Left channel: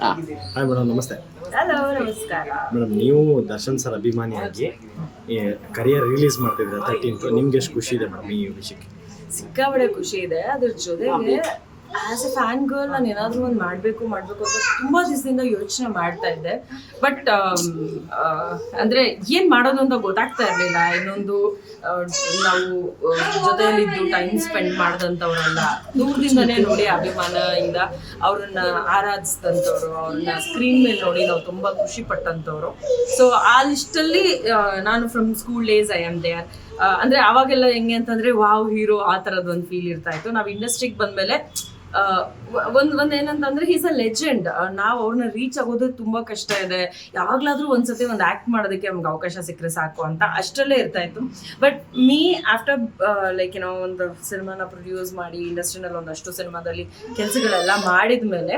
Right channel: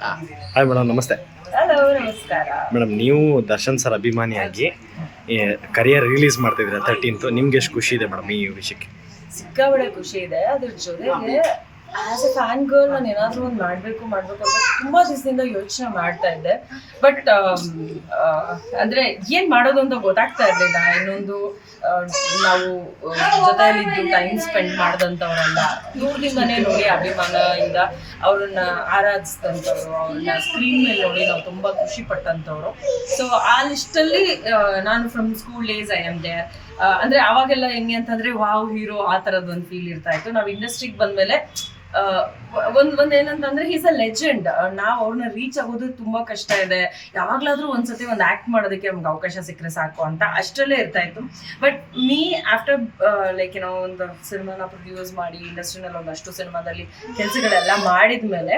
Hi madam, ನಮಸ್ತೆ. Hello, ನಮಸ್ಕಾರ madam, ನೀವು ದರ್ಶನ್ ಸರ್ ಅಭಿಮಾನಿಯಾಗಿ ಕರಿಯರ್ ರಿಲೀಸ್ ಮಾಡ್ತಿದ್ದೀರಾ 13th. ನಿಮ್ಗೆ ಎಷ್ಟು ಖುಷಿ ಇದೆ ಮೇಡಮ್ ಈ ವಿಷಯಕ್ಕೆ? ಸಿಕ್ಕಾಬಡೆ ಖುಷಿ ಇದೆ. ಅದ್ರ ಜೊತೆಗೆ ಆಸ್ ಎ ಫ್ಯಾನ್ ಗರ್ಲ್ ನಾನು ಏನಾದರೂ ಒಂದು ಮಾಡಬೇಕು ಅಂತ ತುಂಬ ದಿವಸದಿಂದ ಯೋಚನೆ ಮಾಡ್ತಾ ಇದ್ದೆ. ಬಟ್ ಅಂದರೆ ಏನು ಮಾಡೋದು ಅಂತ ಗೊತ್ತಾಗ್ತಾ ಇರಲಿಲ್ಲ. ಇನ್ನೊಂದು ನಾವು ಜೊತೆಯಲ್ಲಿದ್ದು ಟೈಮ್ ಸ್ಪೆಂಡ್ ಮಾಡಿದಂಥವ್ರಲ್ಲ, ದೂರದಿಂದನೇ ನೋಡಿ ಅಭಿಮಾನದಿಂದ ಅವ್ರನ್ನ ಆರಾಧಿಸಿದಂಥವ್ರು, ಅವ್ರನ್ನ ಸ್ಕ್ರೀನ್ ಮೇಲೆ ನೋಡಿ ನಾವು ತುಂಬ ಖುಷಿ ಪಟ್ಟಂಥವ್ರು. ಸೊ ಆ ಲಿಸ್ಟಲ್ಲಿ ನಾನು from school days I am there. ಅಂದರೆ ಅವಾಗೆಲ್ಲ ಹೆಂಗೆ ಅಂತಂದರೆ ವಾವ್ ಹೀರೋ ಆ ಥರದ್ದು ಒಂದು ಫೀಲ್ ಇರ್ತಾ ಇತ್ತು. ನಾವು ಇಂಡಸ್ಟ್ರಿಗೆ ಬಂದಮೇಲೆ ಒಂದು ಏನಂತಂದ್ರೆ ಈಸ್ ಅ ಲೆಜೆಂಡ್. ನಾವು ಅವ್ರನ್ನ ರೀಚ್ ಆಗೋದು ತುಂಬಾ ಕಷ್ಟ ಇದೆ. ಯಾವಾಗ್ಲಾದ್ರೂ ಒಂದ್ಸತಿ ಒಂದು ಆಕ್ಟ್ ಮಾಡೋದಕ್ಕೆ ನಮ್ಗೆ ಅವಕಾಶ ಸಿಕ್ಕರೆ ಸಾಕು ಅಂತ ಅಷ್ಟರಲ್ಲೇ ಇರ್ತಾ ಇತ್ತು. ಬಟ್ ಮೀ ಆಫ್ಟರ್ ಲೈಕ್ ಏನೋ ಒಂದು ಸಿನಿಮಾನ ಪ್ರೊಡ್ಯೂಸ್ ಮಾಡಿ ಇಂಡಸ್ಟ್ರಿನಲ್ಲಿ ಒಂದಷ್ಟು ಸಿನಿಮಾದಲ್ಲಿ ಕೆಲಸಗಳೆಲ್ಲ ಮಾಡಿದ್ಮೇಲೆ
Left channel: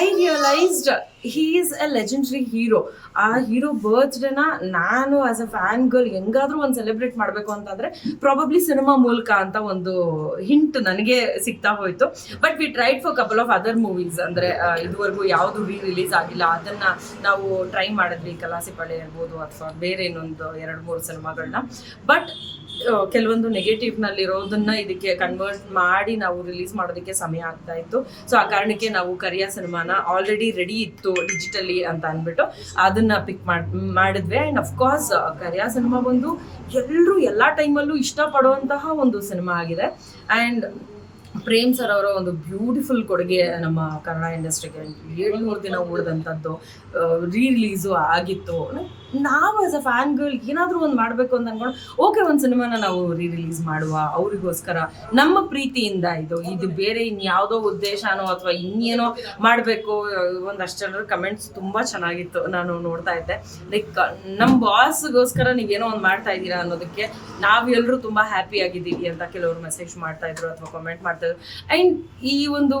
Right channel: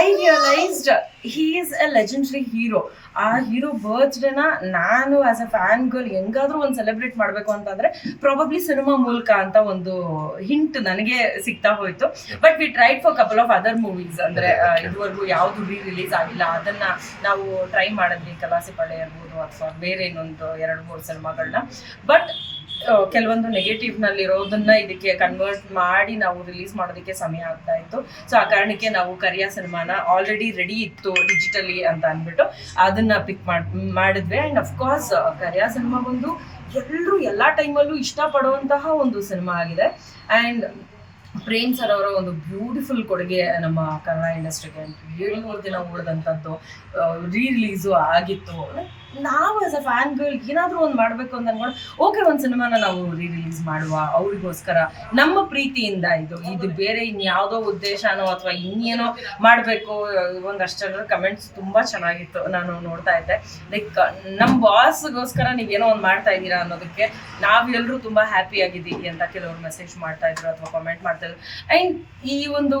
I realised he is a legendary hero. ಆ ಹೀರೋ ಬರ್ತ್ಡೇನ ನಾನು ಆಸ್ ಅ ಫ್ಯಾನ್ ಗರ್ಲ್ ಹೆಂಗಾದ್ರೂ ಒಂದು ಸೆಲೆಬ್ರೇಟ್ ಮಾಡಬೇಕು ಅಂತಂದ್ರೆ ಪ್ರಾಬಬ್ಲಿ ಸಿನಿಮಾ ಮೂಲಕ ಅಂತ ಒಂದು ಹಿಂಟ್ ನನಗೆ ಸಿಗ್ತಾ ಹೋಯ್ತು. But we tried for couple of other movies. ಅಂದರೆ ಇದುವರೆಗೂ ಯಾವುದು ರಿಲೀಸ್ ಆಗಿಲ್ಲ ಅದನ್ನ ನಾವು ಟ್ರೈ ಮಾಡಿದ್ವಿ. ಕಲಾಸಿಪಾಳ್ಯ ಇರ್ಬೋದು ಅಥವಾ ಬೇರೆ ಇನ್ನೊಂದು 2-3 ಸಿನಿಮಾಗಳನ್ನ. ಬಟ್ ಕೆಲವೊಂದು ನೆಗೆಟಿವ್ನಲ್ಲಿರೋದನ್ನ ಇದಕ್ಕೆ ಕನ್ವರ್ಟ್ ಮಾಡಿ ನಾವು ರಿಲೀಸ್ ಮಾಡೋದಕ್ಕೆ ಸಮಯ ಆಗ್ತಾ ಇತ್ತು. ಸೊ ಆ ಕಾರಣಕ್ಕೆ ನಾವು ಕರಿಯ ಸಿನಿಮಾನ ಆಲ್ರೆಡಿ ರೆಡಿ ಇತ್ತು ಡಿಜಿಟಲಿ ಅಂತ ಅಂದ್ಬಿಟ್ಟು ಅದನ್ನ ಪಿಕ್ ಮಾಡಿದ್ವಿ. ಆ್ಯಂಡ್ ಅಫ್ಕೋರ್ಸ್ ಕರಿಯ ಸಿನಿಮಾ ಬಂದು ಎಲ್ಲರೂ ಎಲ್ಲ ಟೈಮಲ್ಲೂ ಇಷ್ಟಪಡುವಂತಹ ಒಂದು ಸಿನಿಮಾ ಆಗಿದೆ. ಆ್ಯಂಡ್ ಪ್ರೇಮ್ ಸರ್ ಅವರ ಒಂದು ಬ್ಯೂಟಿಫುಲ್ ಕೊಡುಗೆ ನಮ್ಮ ಕನ್ನಡ ಇಂಡಸ್ಟ್ರಿಗೆ. 700 ದಿನ ಓಡಿದಂಥದ್ದು ರಿಲೀಸು ಆಗಿತ್ತು. ನಾವು ಆಸ್ ಅ ಫ್ಯಾನ್ ಗರ್ಲ್ ಏನಾದರೂ ಒಂದು ಮಾಡಬೇಕು ಅಂತ ಅಂದ್ಕೊಂಡು ಓಕೆ ಒಂದು ಸಿನಿಮಾನ ನಾವು ರಿಲೀಸ್ ಮಾಡುವ ಅವರಿಗೋಸ್ಕರ ನಮ್ಮ ಪ್ರೀತಿಯಿಂದ. ಇದು ಬೇರೆ ಇನ್ಯಾವುದೋ ಉದ್ದೇಶನೋ ಅಥವಾ ಇನ್ನೇನೋ ಮಾಡಬೇಕು. ಒಂದಷ್ಟರ ಕಮೆಂಟ್ಸ್ ತುಂಬ ಚೆನ್ನಾಗಿತ್ತು, ನಾನು ನೋಡ್ತಾ ಇದ್ದೆ. ಲೈಕ್ ನಮ್ಮ ಬಾಸ್ಗೋಸ್ಕರ ನೀವೇನೋ ಒಂದು ಮಾಡ್ತಾ ಇದ್ದೀರಾ ಅನ್ನೋದಕ್ಕೆ ನಾವೆಲ್ಲರೂ ತುಂಬ ಹ್ಯಾಪಿ ಆಗಿದ್ದೀವಿ ಅಂತ ಕೆಲವರು ಮೆಸೇಜ್ ಮಾಡ್ತಾ ಇದ್ರು ಅಥವಾ ಕಾಮೆಂಟ್ ಮಾಡ್ತಾ ಇದ್ರು. ಆ್ಯಂಡ್ ಈ ಒಂದು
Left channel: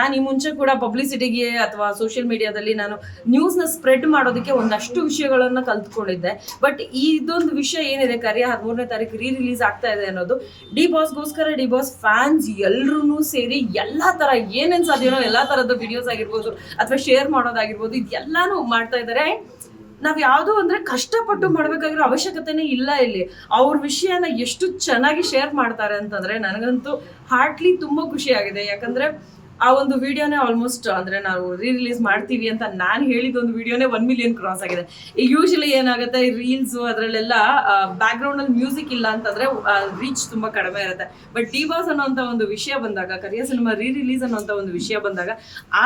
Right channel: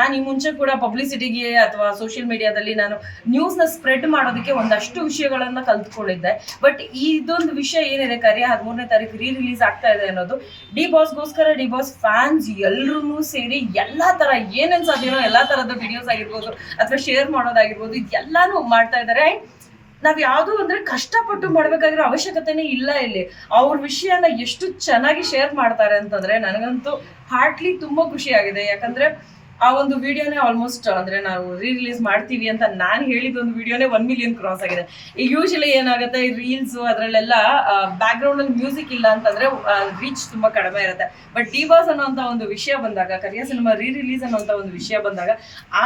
ನಾನು ಈ ಮುಂಚೆ ಕೂಡ ಪಬ್ಲಿಸಿಟಿಗೆ ಅಥವಾ ಸೋಷಿಯಲ್ ಮೀಡಿಯಾದಲ್ಲಿ ನಾನು ನ್ಯೂಸ್ನ ಸ್ಪ್ರೆಡ್ ಮಾಡೋದಕ್ಕೆ ಒಂದಷ್ಟು ವಿಷಯಗಳನ್ನು ಕಲ್ತ್ಕೊಂಡಿದ್ದೆ. ಬಟ್ ಇದೊಂದು ವಿಷಯ ಏನಿದೆ, ಕರಿಯ 13ನೇ ತಾರೀಕು ರಿಲೀಸ್ ಆಗ್ತಾ ಇದೆ ಅನ್ನೋದು ಡಿ ಬಾಸ್ಗೋಸ್ಕರ ಡಿ ಬಾಸ್ ಫ್ಯಾನ್ಸ್ ಎಲ್ಲರೂ ಸೇರಿ ಎಲ್ಲ ಥರ ಏನೇನು ಸಾಧ್ಯನೋ ಎಲ್ಲ ಥರದ ವಿಡಿಯೋಸ್ ಆಗಿರ್ಬೋದು ಅಥವಾ ಶೇರ್ ಮಾಡೋದಾಗಿರ್ಬೋದು ಇದೆಲ್ಲಾನು ಮಾಡ್ತಾ ಇದ್ದಾರೆ. ನಾವು ಯಾವುದೋ ಅಂದರೆ ಕಷ್ಟಪಟ್ಟು ಮಾಡಬೇಕಾಗಿರೋ ಅವಶ್ಯಕತೆನೇ ಇಲ್ಲ. ಇಲ್ಲಿ ಅವ್ರ ವಿಷಯನ ಎಷ್ಟು ಚೆನ್ನಾಗಿ ಶೇರ್ ಮಾಡ್ತಾರೆ ಅಂತಂದರೆ ನನಗಂತೂ ಹಾರ್ಟ್ಲಿ ತುಂಬ ಖುಷಿಯಾಗಿದೆ. ಯಾಕಂದರೆ ಆ ಒಂದು ವಿಡಿಯೋನೇ ಆಲ್ಮೋಸ್ಟ್ ಅಂದರೆ ನಾವು ರಿಲೀಸ್ ಮಾಡ್ತೀವಿ ಅಂತ ನಾನು ಹೇಳಿದೊಂದು ವಿಡಿಯೋನೇ 1 ಮಿಲಿಯನ್ ಕ್ರಾಸ್ ಆಗಿದೆ. ಈಗ ಯೂಶಲಿ ಏನಾಗುತ್ತೆ ರೀಲ್ಸು ಅದರಲ್ಲೆಲ್ಲ ಬ್ಯಾಕ್ಗ್ರೌಂಡಲ್ಲಿ ಮ್ಯೂಸಿಕ್ ಇಲ್ಲ ಅಂತಂದರೆ ರೀಚ್ ತುಂಬ ಕಡಿಮೆ ಇರುತ್ತೆ. ಬಟ್ ಡಿ ಬಾಸ್ ಅನ್ನೋಂಥ ಒಂದು ವಿಷಯ ಬಂದಾಗ, ಕರಿಯ ಸಿನಿಮಾ ರಿಲೀಸ್ ಅನ್ನೋಂಥ ಒಂದು ವಿಷಯ ಬಂದಾಗ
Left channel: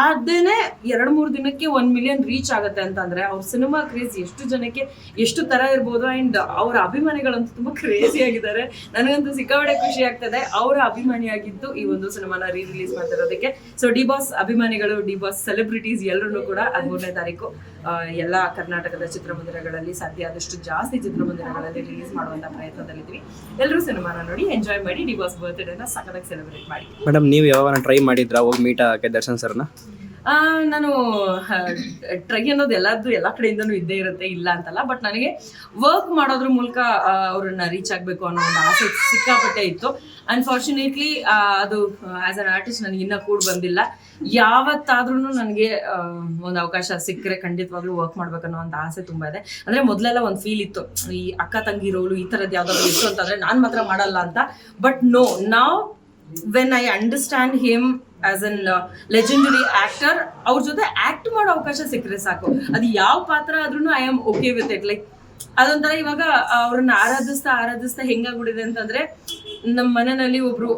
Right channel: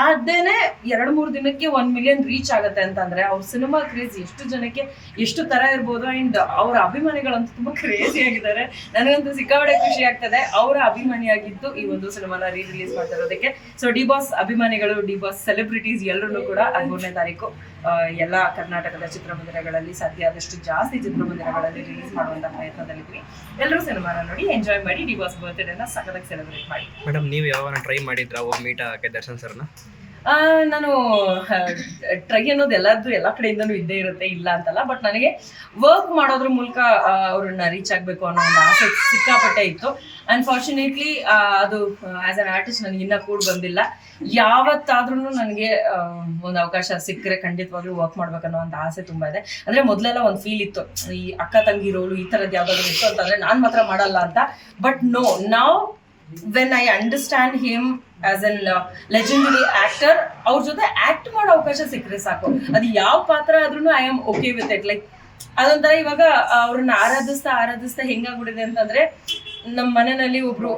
ಅದೇನೇ 2-3 ದಿನಕ್ಕೆ 1 ಮಿಲಿಯನ್ ರೀಚ್ ಆಗುತ್ತೆ ಅಂತಂದರೆ ಅವ್ರ ಸಿನಿಮಾ ಕ್ರೇಜ್ ಎಷ್ಟು ಜನಕ್ಕೆ ಎಷ್ಟು ಥರ ಇರ್ಬೋದು. ಆ್ಯಂಡ್ ಅವರ ಅಭಿಮಾನಿಗಳಂತೂ ತುಂಬ ಕ್ರೇಜಿ ಆಗಿದ್ದಾರೆ. ನನಗಂತೂ ಸಿಕ್ಕಾಪಟ್ಟೆ ಖುಷಿ ಆಗ್ತದೆ ಅವರ ಅಭಿಮಾನಿಯಾಗಿದ್ದು ಈ ಒಂದು ಸಿನಿಮಾನ ರಿಲೀಸ್ ಮಾಡ್ತಿರೋದಕ್ಕೆ. ಸೊ ಡಿ ಬಾಸ್ ಅಭಿಮಾನಿಗಳು, ಡಿ ಬಾಸ್ ಸೆಲೆಬ್ರಿಟೀಸ್ ಎಲ್ಲರೂ ಕೂಡ 13ನೇ ತಾರೀಕು ಎಲ್ಲ ಕರ್ನಾಟಕದ ಚಿತ್ರಮಂದಿರಗಳಲ್ಲಿ ಸಾಧ್ಯ ಆದಷ್ಟು ಜಾಸ್ತಿ ಚಿತ್ರಮಂದಿರಗಳಲ್ಲಿ ರಿಲೀಸ್ ಮಾಡುವಂಥ ಪ್ರಯತ್ನದಲ್ಲಿದ್ದೀವಿ. ಎಲ್ಲರೂ ಸಿನಿಮಾನ ನೋಡಿ ಎಂಜಾಯ್ ಮಾಡಿ ಡಿ ಬಾಸ್ ಬರ್ತ್ಡೇನ ಸಖತ್ತಾಗಿ ಸೆಲೆಬ್ರೇಟ್ ಮಾಡಿ. ಮೇಡಮ್, ನೀವು ಯಾವಾಗ ಟ್ರೈ ಮಾಡಿದ್ರಾ ಹೋಗಿ ಮೀಟ್ ಆಗಕ್ಕೆ ದರ್ಶನ್ ಸರ್ನ? ನಾನು ಟ್ರೈ ಅನ್ನೋದು ಎಲ್ಲ ಕಡೆಯಿಂದನೂ ಇದ್ದೇ ಇರುತ್ತೆ, ಇಲ್ಲ ಅಂತಲ್ಲ. ಬಟ್ ನನಗೆ ವರ್ಕ್ ಮಾಡೋದ್ರ ಮೂಲಕ ಅವ್ರನ್ನ ರೀಚ್ ಆಗಬೇಕು ಅನ್ನೋ ಒಂದು ಆಸೆ ಸಿಕ್ಕಾಪಟ್ಟೆ ಇತ್ತು. ಅನ್ಫಾರ್ಚುನೇಟ್ಲಿ ಅದು ಆ್ಯಸ್ ಅನ್ ಆರ್ಟಿಸ್ಟ್ ನನಗೆ ಇನ್ನೂ ಕೂಡ ಬಂದಿಲ್ಲ. ಯಾವತ್ತಾದ್ರೂ ನನಗೆ ಒಂದು ಅವಕಾಶ ಸಿಕ್ಕರೆ ಖಂಡಿತವಾಗ್ಲೂ ವರ್ಕ್ ಮಾಡ್ಬೇಕನ್ನೋ ಒಂದು ಆಸೆ ತುಂಬ ಇದೆ. ಅಂದರೆ ಮೊದಲೆಲ್ಲ ಒಂದು ಫೀಲ್ ಇತ್ತು, ಈ ಅಕ್ಕ ತಂಗಿ ರೋಲು ಈ ಥರದ್ದು ಯಾವುದಾದ್ರೂ ಇತ್ತು ಅಂತಂದರೆ ನಾನು ಮಾತ್ರ ಮಾಡಲ್ಲ ಅಂತ. ಬಟ್ ನೋ, ನಾವ್ when I understand him as an legendary actor, ಅವ್ರ ಜೊತೆ ಆಕ್ಟ್ ಮಾಡೋ ಅವಕಾಶ ಸಿಕ್ಕರೆ ಸಾಕು. ಅದು ಯಾವ ಪಾತ್ರ ಆದ್ರೂ I am okay with it. Like ಅದೊಂಥರ ಇವಾಗ ಅವ್ರನ್ನ ಆರಾಧಿಸ್ತಾ ಹೆಂಗಾಗ್ಬಿಟ್ಟಿದೆ ಅಂತಂದ್ರೆ, ನಮ್ಮ ಮನೆಯಲ್ಲಿ ಒಬ್ರು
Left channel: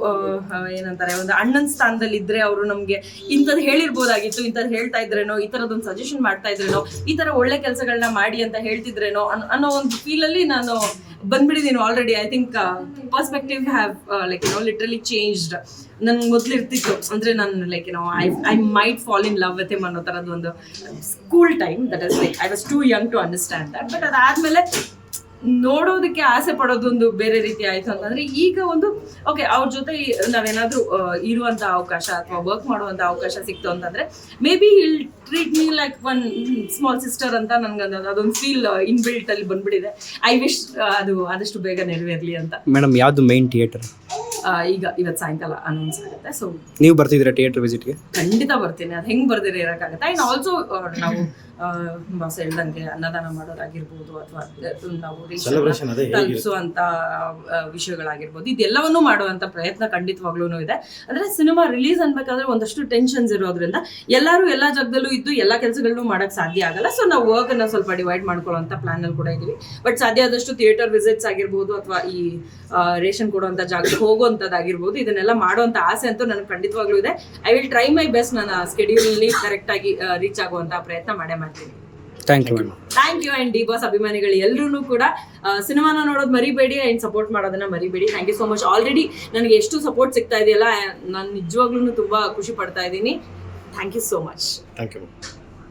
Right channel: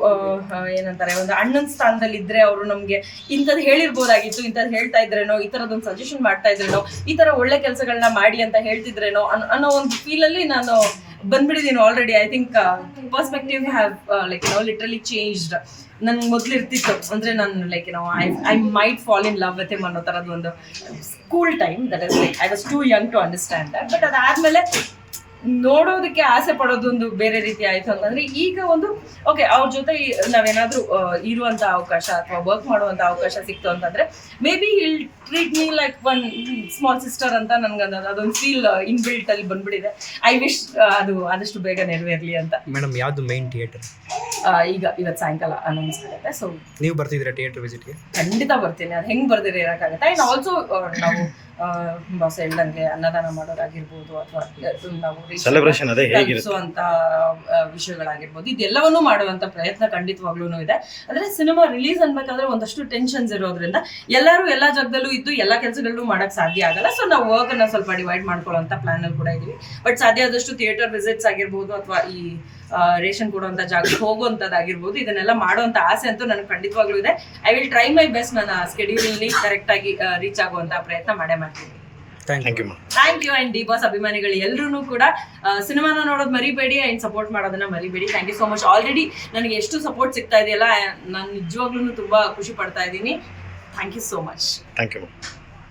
ಏನಂತಾರೆ ಒಂದು ಅಣ್ಣನ ಸ್ಥಾನದಲ್ಲಿ ಇದ್ರೆ ಅವರು ನಮ್ಗೆ ಇಂಥದ್ದು ಹೇಳಿರ್ಬೋದಾಗಿತ್ತು, ಇಂಥದ್ದು ಹೇಳ್ತಾ ಇದ್ರೇನೋ, ಈ ಥರದೊಂದು ಸಜೆಷನ್ ಮಾಡ್ತಾ ಇದ್ರೇನೋ, ಈ ಥರ ಒಳ್ಳೆ ಕೆಲಸಗಳನ್ನ ಮಾಡಿ ಅಂತ ಹೇಳ್ತಿದ್ರೇನೋ ಅನ್ನೋ ಒಂದು ಫೀಲಲ್ಲಿ ನಾನು ಬಂದ್ಬಿಟ್ಟಿದ್ದೀನಿ already. I think perspective have like literally changed. ನನ್ಗೆ ಮೊದಲು ಇರ್ತಿತ್ತು ಅಂದರೆ ನಾನು like I might fall in love with him ಅನ್ನೋ ಥರದ್ದು ಒಂದು school time. That is like I was too young to understand that. But ಅದಾದಮೇಲೆ ನೋಡೋದಕ್ಕೆ ಆಸೆ ಪಡೋದೊಂದು ಬೇರೆ ರೀತಿ ಆಯಿತು ಅಂತಂದರೆ ಈಗ ಒಂದು ಓಕೆ ಅವ್ರ ಜೊತೆ ನಾವೇನಾದರೂ ಇರುವಂಥ ಅವಕಾಶ ಅಥವಾ ವರ್ಕ್ ಮಾಡುವಂಥ ಅವಕಾಶ ಸಿಕ್ತು ಅಂತಂದರೆ may be hill treat me like one small sister ಅಂತ ನನಗೆ ಅದೊಂದು ಫೀಲ್ ಇನ್ಬಿಲ್ಟ್ ಅಲ್ಲಿ ಬಂದ್ಬಿಟ್ಟಿದೆ. ಐ ವಿಶ್ ಅದು ಆದಷ್ಟು ಬೇಗ ನೆರವೇರಲಿ ಅಂತ. ಮೇಡಮ್, ಯಾವುದು ಮೈನ್ ಥಿಯೇಟರ್? ಇವತ್ತು ಸಾಯಂಕಾಲ ಅನೌನ್ಸ್ ಆಗುತ್ತೆ. ಸೊ ನೀವು ಬರ್ತಿದ್ದೀರಾ ಥಿಯೇಟರ್ ವಿಸಿಟ್ಗೆ? ಖಂಡಿತ ಬರ್ತೀನಿ, ಅದು ಹೆಂಗೆ ಬರ್ದಿರ ಇರೋಕ್ಕಾಗತ್ತೆ. ಆ್ಯಂಡ್ ಆಲ್ಸೋ ನಾವು ಬಾಸ್ ಹೇಳ್ದಂಗೆ ಅನ್ನದಾನ ಮಾಡೋದಾಗಿರ್ಬೋದು ಅಥವಾ ನಾವು Celebration ಅದೇ ಹೇಗಿರುತ್ತೆ? ತಲುಪಿಸುವಂಥ ವಿಷಯಗಳಾಗಿರ್ಬೋದು, ಇದೆಲ್ಲವನ್ನೂ ಮಾಡುವಂಥ ಪ್ರಯತ್ನ ಖಂಡಿತವಾಗ್ಲೂ ಇದೆ. ಅಂದರೆ ಸಿನಿಮಾ ರಿಲೀಸ್ ಅನ್ಬೇಕಾದ್ರೆ ಒಂದಷ್ಟು ಟೆನ್ಷನ್ಸ್ ಇರೋದ್ರಿಂದ ಎಲ್ಲರೂ ಎಲ್ಲ ಜಾಗದಲ್ಲೂ ಇದ್ದು ಎಲ್ಲ ಕೆಲಸಗಳನ್ನೂ ಮಾಡೋಕ್ಕೆ ಸಾಧ್ಯ ಆಗಲ್ಲ. ಸೊ ನಾವು ವರ್ಕನ್ನು ಸ್ವಲ್ಪ ಡಿವೈಡ್ ಮಾಡ್ಕೊಳ್ಳೋಂಥ ಪ್ಲಾನಲ್ಲಿ ಕೂಡ ಇದ್ದೀವಿ. ಬಟ್ ಸಾಧ್ಯ ಆದಷ್ಟು ಥಿಯೇಟರ್ ವಿಸಿಟ್ಸ್ ಆಗಿರ್ಬೋದು ಅಥವಾ ಈ ರೇಷನ್ ಕೊಡುವಂಥ ಜಾಗಕ್ಕೆ ಹೋಗುವಂಥದ್ದಾಗಿರ್ಬೋದು, ಇದನ್ನೆಲ್ಲ ಮಾಡುವಂಥ ಆಸೆ ಅಂತೂ ನನಗೆ ಖಂಡಿತವಾಗ್ಲೂ ಇದೆ. I will try my best. ನನ್ನ ಸ್ಕೆಡ್ಯೂಲಲ್ಲಿ ಕರೆಕ್ಟಾಗಿ ರೀಚ್ ಆಗುವಂಥ ಪ್ರಯತ್ನ ಮಾಡೇ ಮಾಡ್ತೀನಿ. Thank thank you. You thank you. And D boss ಅಭಿಮಾನಿಗಳು ಎಲ್ಲರೂ ಕೂಡ ಸಿನಿಮಾನ ನೋಡೋದು ಮರಿಬೇಡಿ ಆ್ಯಂಡ್ ಸಪೋರ್ಟ್ ಮಾಡೋದನ್ನ ಮರಿಬೇಡಿ. Thank you so much. Already ನನಗೆ ಎಷ್ಟು ಸಪೋರ್ಟ್ ಸಿಗ್ತಾ ಇದೆಯಲ್ಲ, ನಾನು ನಿಜವಾಗ್ಲೂ ತುಂಬ ಖುಷಿ ಪಡ್ತಾ ಇದ್ದೀನಿ. Thank you so much. Thank you